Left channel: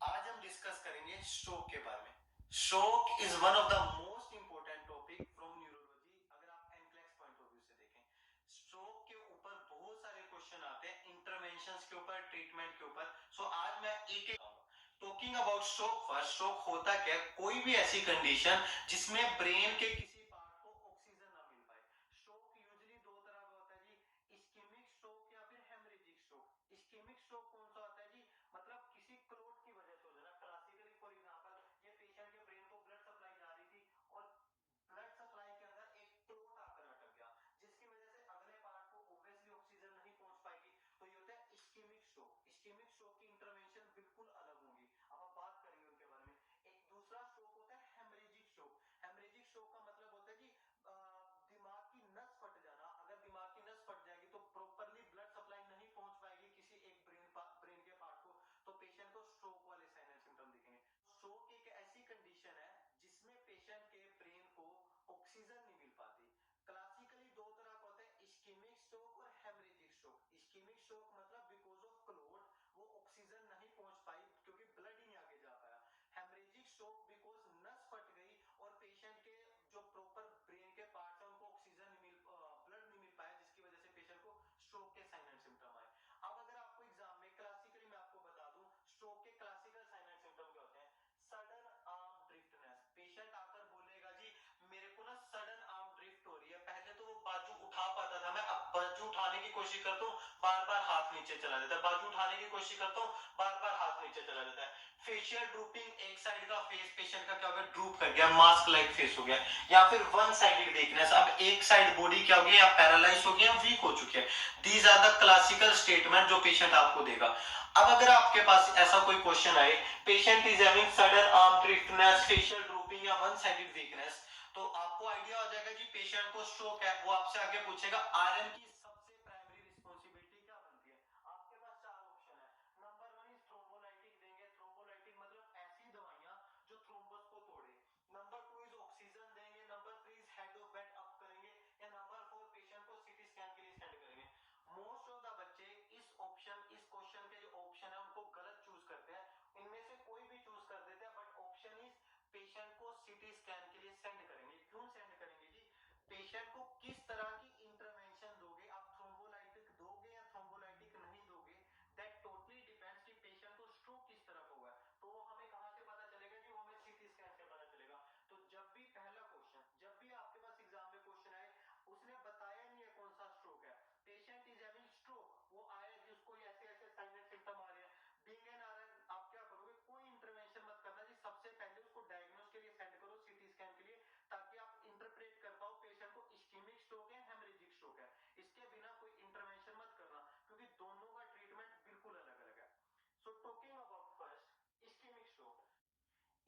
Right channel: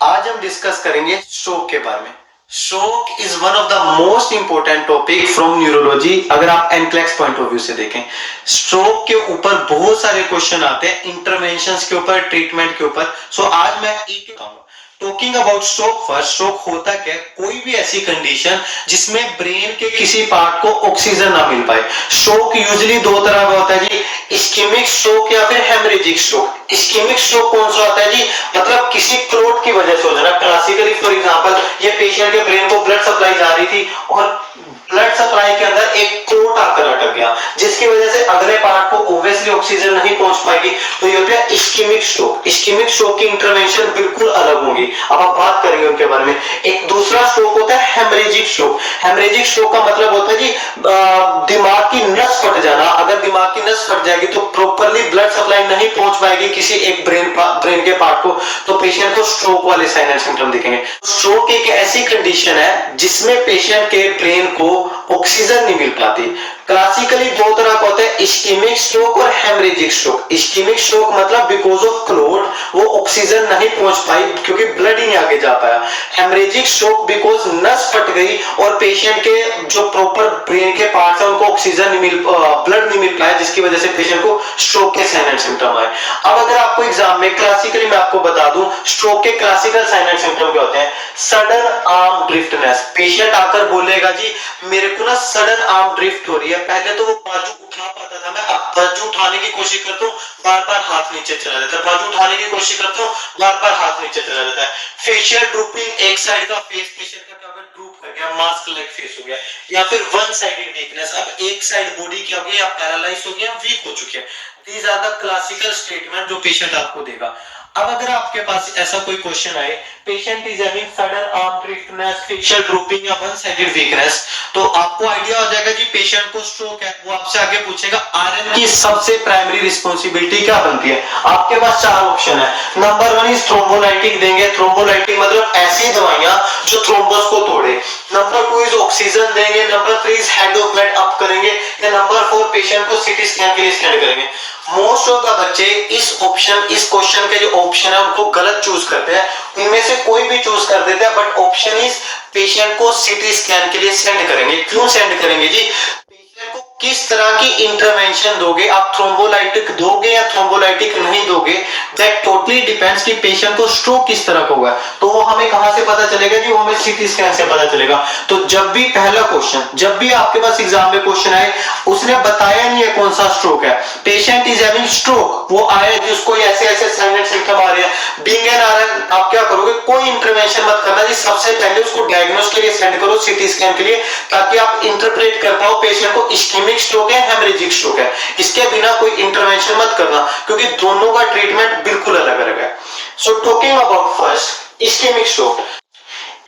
आज हम डिस्कस करेंगे स्ट्रोक के बारे में। Stroke is one of the most important topic from neurology. अगर आप एनक्लेक्स पॉइंट ऑफ व्यू से देखें, स्ट्रोक के ऊपर बहुत सारे क्वेश्चन आते हैं, इंटरवेंशंस के ऊपर, ट्रीटमेंट के ऊपर। सो आज मैं एक बताऊंगा। Talking about stroke first, stroke होता क्या है? कोई भी ऐसी कंडीशन जिसमें ब्रेन के किसी पार्ट को ऑक्सीजन ना मिल पाए। स्ट्रोक यूजुअली दो तरह का होता है जी, इस्केमिक स्ट्रोक या फिर हेमरेजिक स्ट्रोक। इस्केमिक स्ट्रोक कौन सा होता है जी? मतलब किसी क्लोट की वजह से हो जाना। क्लासिकली फॉर एग्जांपल, ये पेशेंट के ब्रेन को ब्लड सप्लाई जा रही थी और ब्लड सप्लाई के अंदर एक क्लोट आकर अटक गया, जिसकी वजह से अगले पार्ट को ऑब्वियसली ऑक्सीजन नहीं पहुंच पाएगी, तो ये होता है इस्केमिक स्ट्रोक। इस्केमिक स्ट्रोक की इंटरवेंशन बिल्कुल अलग होगी, अब आप बात करेंगे उनके बारे में। एक दूसरा स्ट्रोक होता है हेमरेजिक स्ट्रोक। हेमरेजिक स्ट्रोक का मतलब होता है जी दिमाग की नस फट जाना। अगर दिमाग की नस फट जाएगी तो प्रॉपरली ब्लड सप्लाई नहीं पहुंच पाएगी किसी एक ब्रेन के पार्ट को, तो पेशेंट को स्ट्रोक वाले साइन एंड सिम्टम दिखेंगे। स्ट्रोक एक ऐसी कंडीशन है जिसमें पेशेंट के ब्रेन को ऑक्सीजन नहीं मिल पाती। क्लासिकली दो तरह का होता है, इस्केमिक स्ट्रोक और हेमरेजिक स्ट्रोक। इस्केमिक स्ट्रोक मतलब बिकॉज ऑफ क्लोट वो ऑक्सीजन नहीं पहुंच पाई क्योंकि ब्लड ही नहीं आगे जा पाया। हेमरेजिक स्ट्रोक बिकॉज नस फट गई और पेशेंट के जो प्रॉपर ब्रेन के पार्ट्स है उनको ऑक्सीजन नहीं मिल, ब्लड नहीं मिल पाया, जिसकी वजह से पेशेंट को स्ट्रोक के साइन एंड सिम्टम आए। अब अगर आपको एग्जाम में क्लासिकली मैं आपको बता दूं, स्ट्रोक के क्लासिकल साइन एंड सिम्टम क्या होते हैं? Sudden arm ड्रिफ्टनेस। पेशेंट आकर बोलेगा जी मेरे को ना सडन आर्म ड्रिफ्ट हो रही है। पहले तो वो बाजू उठा पाता था, मैं अब बाजू उठाने की कोशिश करता हूँ, बार बार हाथ नीचे चला जाता है। बाजू उठाने की कोशिश करता हूँ, बार बार हाथ नीचे चला जाता है। फेशियल ड्रूपिंग, एक साइड का फेस पेशेंट का क्या हो गया? ड्रूप कर गया, मास्क लाइक फेस हो गया। या फिर वन साइडेड वीकनेस, अब एक साइड बॉडी क्या हो गया? या पैरालाइज हो गया, वीक हो चुके हैं। These are the classical statement जो पेशेंट आपको देगा। अब अगर आपके पास ऐसा कोई क्वेश्चन आए, patient is having sudden arm driftness, facial drooping या वन साइडेड वीकनेस, तो आपको आइडिया हो जाएगा जी पेशेंट को स्ट्रोक है। वो आपसे आगे पूछेगा आरएन की सबसे प्राइमरी रिस्पांसिबिलिटी क्या बनती है? आपके पास चार ऑप्शन है। नंबर वन इज थ्रोम्बोलाइटिक देंगे। थ्रोम्बोलाइटिक मतलब ऐसी दवाइयां जो थ्रोम्बस को तोड़े। नंबर टू इज ऑक्सीजन देंगे। Number three is head of bed up करेंगे। या नंबर फोर पेशेंट को सीटी स्कैन के लिए स्कैन करेंगे। मोस्ट ऑफ द बच्चे इस क्वेश्चन के जो ऑप्शन है उनको गलत चूज करते हैं। इनमें से कोई भी चूज कर देते हैं, बट ऑप्शन इज पेशेंट को सीटी स्कैन के लिए सेंड करेंगे। क्यों सेंड करेंगे जी? पेशेंट को किस तरह की इंटरवेंशन दोगे, आप थ्रोम्बोलाइटिक दोगे या थ्रोम्बोलाइटिक नहीं दोगे, दैट टोटली डिपेंड्स कि पेशेंट को स्ट्रोक किस तरह का हुआ है। तो वो हमें कहां से पता चलेगा जी? वो हमें सीटी स्कैन से पता चलेगा। तो जब भी पहला क्वेश्चन, जब भी आपके पास एग्जाम में क्वेश्चन आए, उसने बताया नहीं है कौन सा स्ट्रोक है, पेशेंट इज हैविंग स्ट्रोक, वो आया जिसको ऐसे ऐसे साइन एंड सिम्टम आ रहे हैं, बीइंग एन आरएन, आप क्या करोगे? कोई इंटरवेंशन मत करना जी। सबसे पहले उसको डायग्नोस के लिए सेंड करो, सीटी स्कैन के लिए, ताकि आप इंटरप्रेट कर पाओ पेशेंट को इस्केमिक स्ट्रोक है, हेमरेजिक स्ट्रोक है। इसके बिना कोई इंटरवेंशन मत करना, क्योंकि दोनों का ट्रीटमेंट बिल्कुल अलग अलग है। So talking about first ischemic stroke.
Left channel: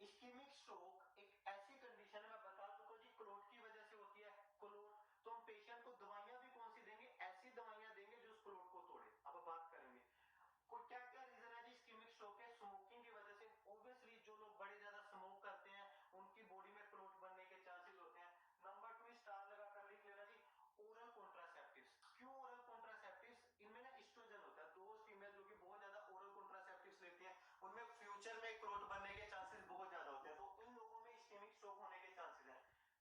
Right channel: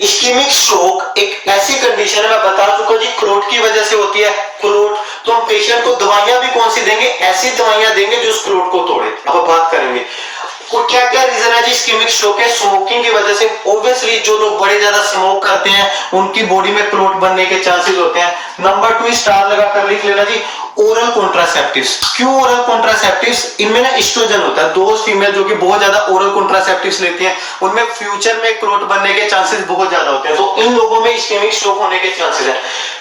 Ischemic stroke एक ऐसी कंडीशन है, मैं बता चुका जी, क्लोट की वजह से होती है। क्लोट, तो हम पेशेंट को दवाइयां भी कौन सी देंगे? ऐसी दवाइयां देंगे जो उस क्लोट को तोड़े। अब बात करेंगे क्या क्या रीजन है जी इस्केमिक स्ट्रोक है? स्मोकिंग की वजह से। ऑब्वियसली जो लोग बड़े ज्यादा स्मोक करते हैं उनकी बॉडी में क्लोट बनने के चांसेस होते हैं। नंबर टू स्टार लगाकर लिख लेना जी, ओरल कॉन्ट्रासेप्टिव्स। क्यों ओरल कॉन्ट्रासेप्टिव्स? इनमें ना एस्ट्रोजन होता है। दोस्त फीमेल जो कि बहुत ज्यादा ओरल कॉन्ट्रासेप्टिव्स लेती हैं उनमें फ्यूचर में क्लोट बनने के चांसेस बहुत ज्यादा होते हैं, तो इन लोगों में इस्केमिक स्ट्रोक होने के चांसेस है।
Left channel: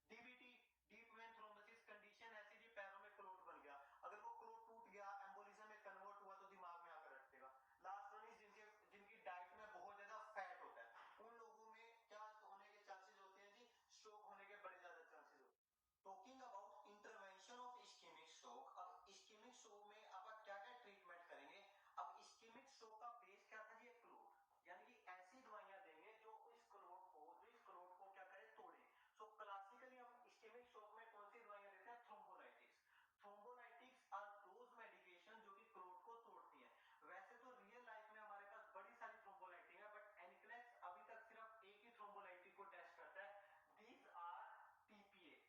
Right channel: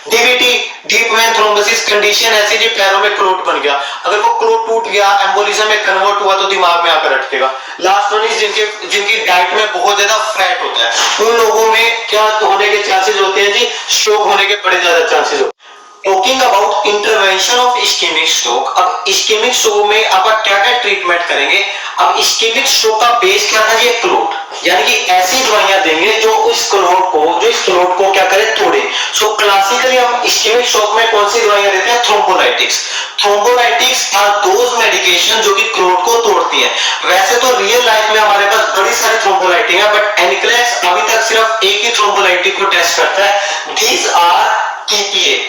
DVT, deep vein thrombosis condition ऐसी जी पैरों में क्लोट बन गया, अगर वो क्लोट टूट गया, एम्बोलिज्म में कन्वर्ट हुआ तो दिमाग में आकर अटकेगा। लास्ट वन इज जिनकी डाइट में बहुत ज्यादा फैट होता है, उन लोगों में क्या होने के चांसेस होते हैं जी? स्ट्रोक होने के बड़े ज्यादा चांसेस होते हैं। Talking about intervention of ischemic stroke, अब इस्केमिक स्ट्रोक में आप क्या क्या ट्रीटमेंट करेंगे? अब इस्केमिक स्ट्रोक का बेस क्या था? ये क्लोट, यानी कि ऐसी दवाइयां देंगे जो इस क्लोट को क्या करे? तोड़े। सो क्लासिकली हम इस्केमिक स्ट्रोक में कौन सी दवाइयां देते हैं? Thrombolytics. Thrombolytics are those medication जो कि क्लोट को तोड़ती है। वैसे तो रियल लाइफ में हमारे पास बड़ी सारी थ्रोम्बोलाइटिक है, बट एनक्लेक्स अभी तक सिर्फ एक ही थ्रोम्बोलाइटिक को टेस्ट करता है। These are TPA,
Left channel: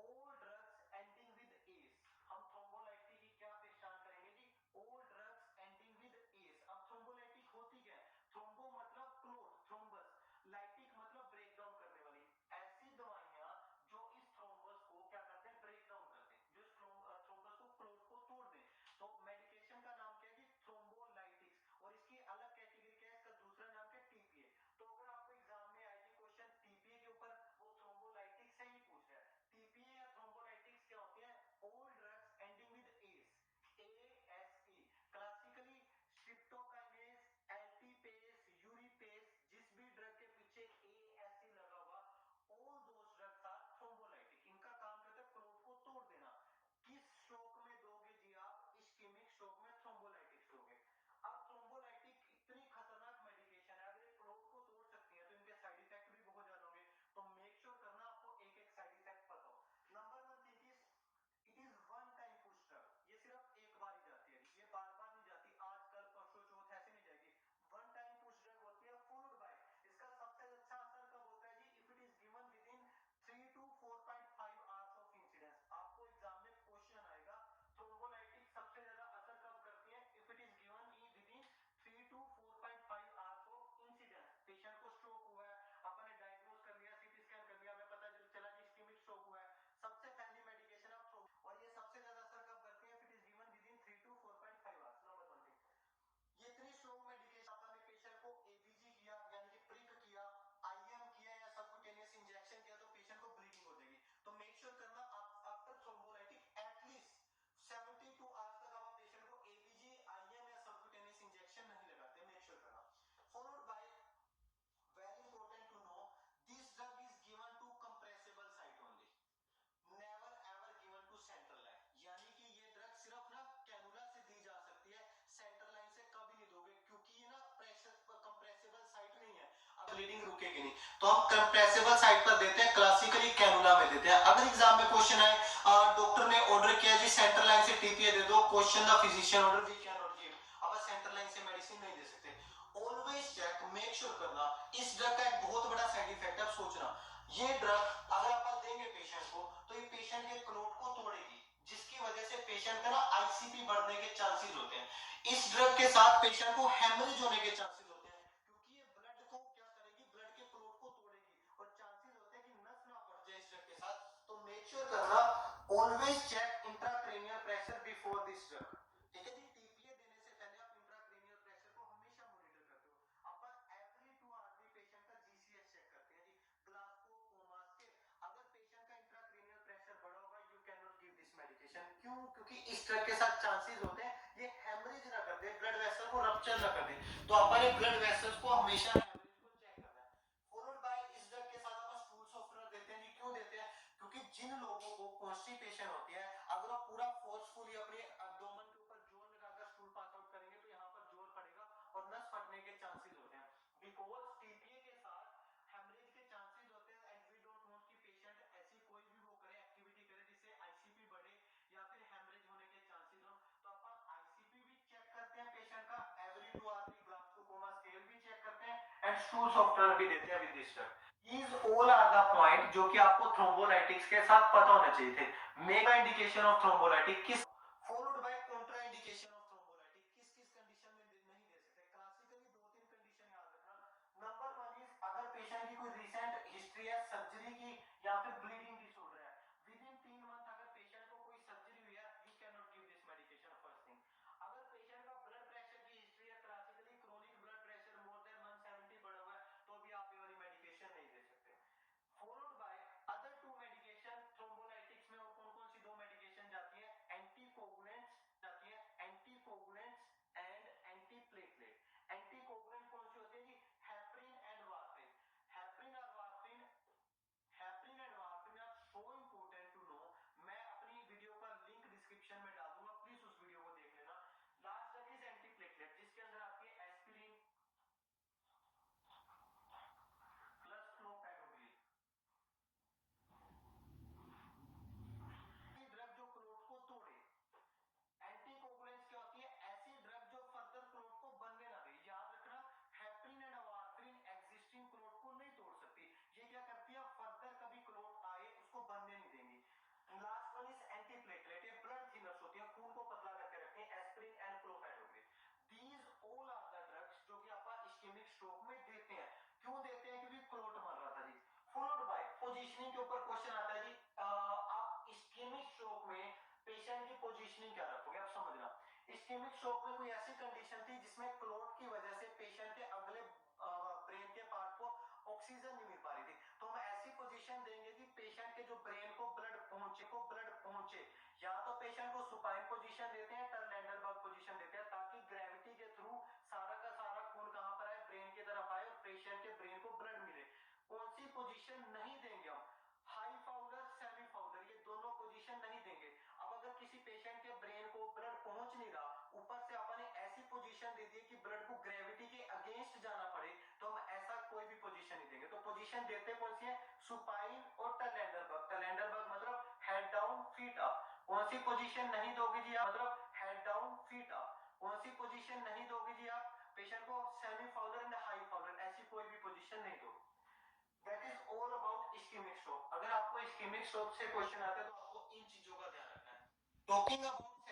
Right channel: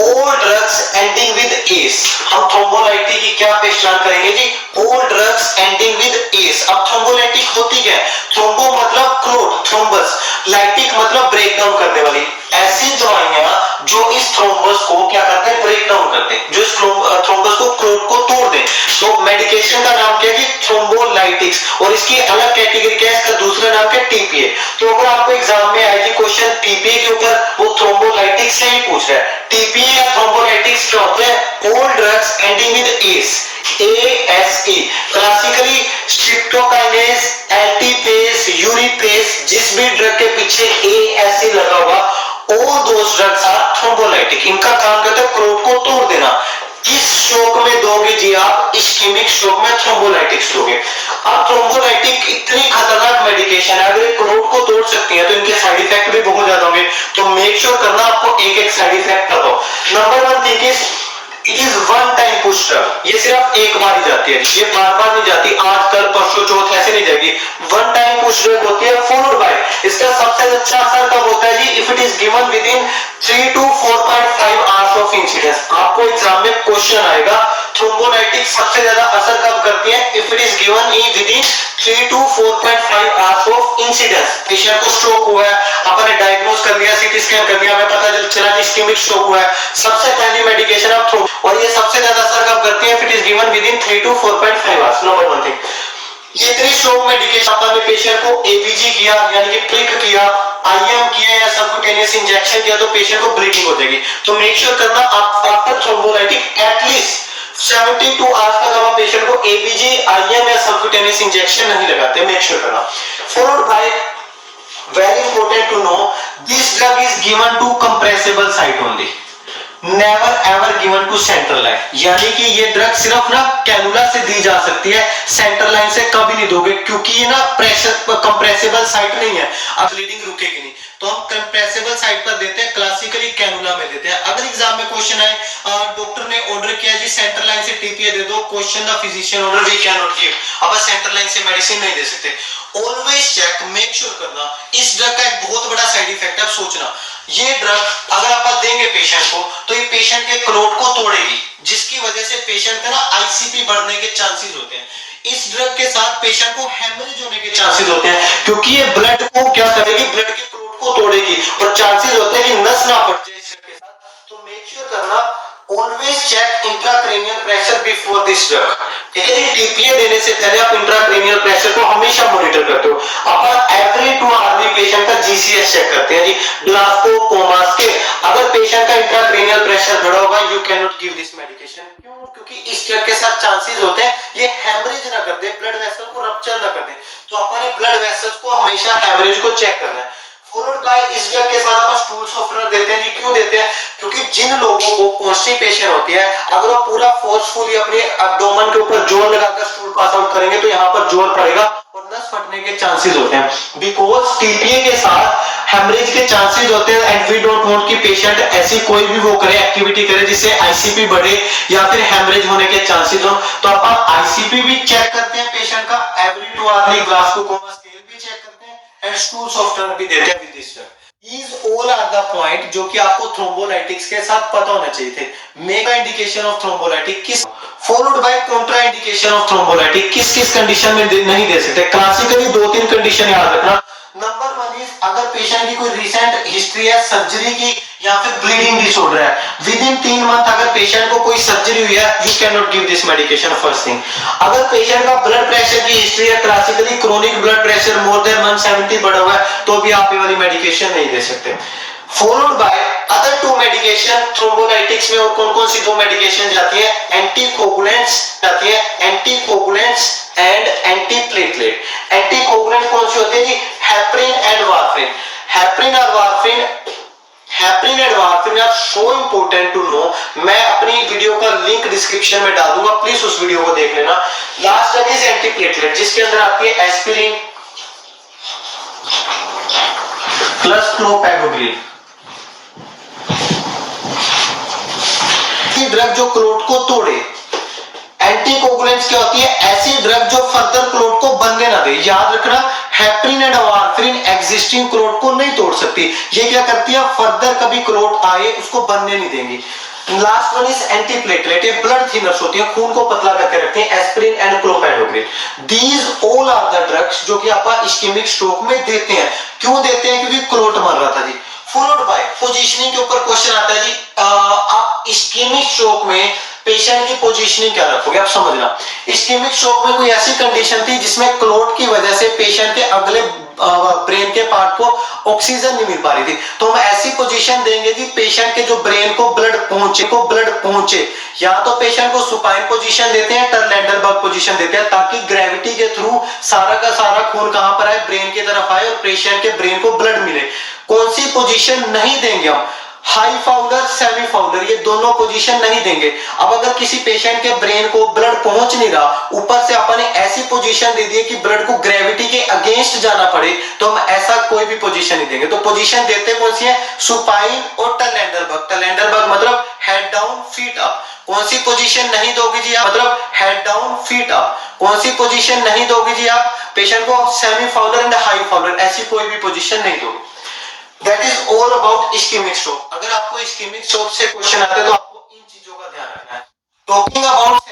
all drugs ending with ACE। हम थ्रोम्बोलाइटिक की क्या पहचान करेंगे जी? all drugs ending with ACE। अब थ्रोम्बोलाइटिक होती क्या है? थ्रोम्बो मतलब क्लोट थ्रोम्बस, लाइटिक मतलब ब्रेक डाउन करने वाली, ऐसी दवाइयां जो इस थ्रोम्बस को क्या करते हैं, ब्रेक डाउन करते हैं, जो इस थ्रोम्बस को क्लोट को तोड़ दें। तो मेडिकेशन का नाम क्या है, थ्रोम्बोलाइटिक्स, और इसकी अलग कैटेगरी क्या है, इसका दूसरा नाम क्या है, टीपीए। तो अगर आपको एग्जाम में आएगी क्वेश्चन टीपीए के ऊपर, वो थ्रोम्बोलाइटिक्स से ही पूछ रहा है। टीपीए या थ्रोम्बोलाइटिक्स क्या होते हैं, all drugs ending with ase, ASE, classically streptokinase, alteplase, reteplase, जिस भी ड्रग के पीछे ASE लगा होगा, all those drugs are thrombolytic। इनका काम करता है क्लोट को तोड़ देना। किस शॉक में दोगे जी आप, इस्केमिक शॉक में थ्रोम्बोलाइटिक्स दोगे। अब थ्रोम्बोलाइटिक इतनी खतरनाक मेडिकेशन है, अगर ये क्लोट को तोड़ सकती है तो इनके साइड इफेक्ट भी बहुत ज्यादा होंगे। तो मेक श्योर करना आपको एक एक साइड इफेक्ट बताओ। Number 1 thing is it is one time push drug, ये सिर्फ एक बार ही जाती है, ये बार बार नहीं जाती, आज कल परसों चौथ ऐसे नहीं जाएगी, वन टाइम पुश ड्रग होती है। फॉलोड बाय, इसका सबसे अच्छा असर कब होता है जी, if it is given within 3 to 4.5 hours of incidence. आपको एग्जाम में क्वेश्चन आएगा थ्रोम्बोलाइटिक सबसे ज्यादा असर कब करती है, if it is given in within 3 to 4.5 hours of incidence. Patient को स्ट्रोक हुआ है, आपने डायग्नोज कर लिया, सीटी स्कैन कर लिया, हमें पता चला कि इस्केमिक स्ट्रोक हुआ है, सबसे पहली मेडिकेशन आप थ्रो, और ये सबसे ज्यादा असर कब करती है, if it is given within 3 to 4.5 hours. Number 1 thing, ये इतनी स्ट्रोक मेडिकेशन आपने पेशेंट को एबीजी किया यानी कि प्रिक किया, आईएम किया या सबक्यूटेनियस इंजेक्शन किया, तो पेशेंट को ब्लीडिंग हो जाएगी। तो मेक श्योर करना आप आफ्टर थ्रोम्बोलाइटिक एटलीस्ट 72 आवर्स तक आप पेशेंट को एबीजी, आईएम या सबक्यूटेनियस इंजेक्शन नहीं लगाते, मेक श्योर करना। Followed by, very important to know, this drug is given to compressible site only, never ever given to central line। यानी कि ये ड्रग सिर्फ ना कैनुला से दी जा सकती है, सेंट्रल लाइन से कभी नहीं दोगे, क्योंकि ये ना प्रेशर कंप्रेसिबल साइट नहीं है, अब ब्लीडिंग रुकेगी नहीं, तो हम कंप्रेसिबल साइट पर देते हैं, क्लासिकली कैनुला में देते हैं। अगर एग्जाम में क्वेश्चन आए, डॉक्टर ने ऑर्डर किया जी सेंट्रल लाइन से टीपीए दे दो, question the physician order we can not give, अब सेंट्रल लाइन से मेडिसिन नहीं दे सकते। ऑलवेज चेक, मेक श्योर करना, इस ड्रग का एक बहुत बड़ा साइड इफेक्ट है, आप सोचना, ये ड्रग अगर आप देंगे पेशेंट को तो ये पेशेंट के क्लोट को तोड़ेगी, जिसकी वजह से पेशेंट का ना आईसीपी बढ़ने के चांसेस होते हैं। इस ड्रग के साथ पेशेंट को हेमरेज होने के चांसेस होते हैं, क्योंकि ये ब्लड को क्या करेगी, ब्लड के क्लोट को तोड़ेगी, और चांसेस होते हैं कि नस ना फट जाए इस ड्रग के साथ। तो मेक श्योर करना, always check intracranial pressure before this drug. ठीक है जी, टीपीए देने से पहले आप इंट्राक्रेनियल प्रेशर को हमेशा मॉनिटर करते हो। अपन एवरी 2 आवर पेशेंट का जीसीएस चेक करते हैं जी, ग्लासको कोमास के। अगर पेशेंट का इंट्राक्रेनियल प्रेशर बढ़ा होगा, you can not give this medication. क्यों, क्योंकि इस ड्रग के साथ चांसेस होते हैं ये हेमरेज ना कर दे, ब्लड वेसल को रप्चर ना कर दे, तो अपन ब्लड वेसल्स को हमेशा हेमरेज को चेक करना है। फॉलोड बाय, इस ड्रग के साथ अपन स्टूल सॉफ्टनर देते हैं जी, क्यों देते हैं, क्योंकि जिन लोगों को कॉन्स्टिपेशन होती है, अगर वो पूरा फोर्सफुली अपने एब्डोमेन के ऊपर जोर लगाकर स्टूल पास आउट करेंगे तो यहाँ पर जोर पड़ेगा और नस फटने के चांसेस होते हैं, बिकॉज टीपीए के साथ हेमरेज के चांसेस होते हैं, एंड वी डोंट वांट कि पेशेंट ऐसी कोई भी वो करे, एक्टिविटी करे जिससे आईसीपी बढ़े या फिर हेमरेज होने के चांसेस हो। तो अपन आईसीपी भी चेक करते हैं पेशेंट का, every 2 hour Glasgow coma scale भी चेक करते हैं, एंड स्टूल सॉफ्टनर भी देते हैं with this drug. These all are the point जो कि आपको थ्रोम्बोलाइटिक्स के साथ पता होना चाहिए थे। मेगा इंडिकेशन ऑफ थ्रोम्बोलाइटिक किस, followed by Contra indication of thrombolytic, किस किस कंडीशन में नहीं दे सकते। क्लासिकली 2-3 कंडीशन याद रखना। नंबर 1 इज अगर पेशेंट की कोई रिसेंट हिस्ट्री है सर्जरी की या फिर ब्लीडिंग डिसऑर्डर है, विद इन 3 मंथ अगर पेशेंट को कोई सर्जरी हुई है, you can not give this medication. First thing, अगर पेशेंट का ब्लड प्रेशर की हिस्ट्री है, classically chronic blood pressure more than 170 बढ़ा हुआ है, तो भी आप ये वाली मेडिकेशन नहीं दे सकते। Followed by other 2 medication. Thrombolytics में और कौन-कौन सी 2 मेडिकेशन जाती है, एंटीकोगुलेंट्स जाती है, एंटीकोगुलेंट्स एंड एंटीप्लेटलेट। एंटीकोगुलेंट कौन सी होती है जी, हेपरिन एंड वारफरिन। हेपरिन और warfarin, heparin and warfarin are so important to know, मैं अपनी वीडियो का लिंक डिस्क्रिप्शन में डाल दूंगा, प्लीज उस वीडियो को देख लेना। लास्ट ड्रग इज एंटीप्लेटलेट, जिसके अंदर आती है एस्पिरिन प्लस क्लोपेगोग्रिल। ड्रग जो क्लोट को तोड़े। एंटीकोगुलेंट्स क्या होती है, ऐसी ड्रग जो फर्दर क्लोट को बनने ना दे। याद रखना, heparin and warfarin existing clot को नहीं तोड़ सकती, ये क्या करती है, फर्दर कभी क्लोट आए उसको बनने नहीं देंगी। लास्ट वन इज एंटीप्लेटलेट, ये ब्लड थिनर्स होती है, खून को पतला करके रखते हैं, aspirin and clopidogrel. These all are the drugs जो कि आप इस्केमिक स्ट्रोक में देते हैं। क्यों देते हैं? क्योंकि क्लोट मर रहा था जी। फॉलोड बाय पोजीशनिंग के ऊपर क्वेश्चन आता है जी, आप इस्केमिक स्ट्रोक में पेशेंट की पोजीशनिंग क्या रखोगे? आप समझना, इस्केमिक स्ट्रोक में कोई ऐसी कंडीशन थी जिसमें क्लोट की वजह से पेशेंट के अगले ब्रेन के पार्ट को ऑक्सीजन नहीं मिल पा रही थी, तो हम ऐसी पोजीशन देंगे कि पेशेंट के जो ब्रेन को ब्लड पहुंचे। या तो पेशेंट को सुपाइन पोजीशन देते हैं, टर्लेंडरबर्ग पोजीशन देते हैं, ताकि ग्रेविटी के थ्रू सारा का सारा खून कहां पर आए? ब्रेन की तरफ आए और पेशेंट के ब्रेन को ब्लड मिले। कौन सी पोजीशन नहीं देंगे हम? हाई फाउलर, सेमी फाउलर, ये दोनों पोजीशन नहीं देंगे। अब अगर किसी पेशेंट के ब्रेन को ब्लड पहुंच नहीं रहा, ऊपर से अपन ने ऐसी पोजीशन दे दी कि ब्लड को ग्रेविटी के अगेंस्ट जाना पड़े, तो हम ऐसा कोई भी पोजीशन नहीं देंगे। तो पोजीशन देते कौन सी है? सुपाइन और टर्लेंडरबर्ग। टर्लेंडरबर्ग मतलब हेड डाउन फीट अप। कौन सी पोजीशन नहीं दोगे जी आप? मतलब हेड डाउन फीट अप। कौन सी पोजीशन नहीं दोगे जी आप पेशेंट को? Semi Fowler and high Fowler, ऐसी कोई भी पोजीशन नहीं दोगे। That is all about ischemic stroke. अगर आपको इस्केमिक स्ट्रोक से क्वेश्चन आते हैं तो आपको इन चीजों का ध्यान रखना है। Talking about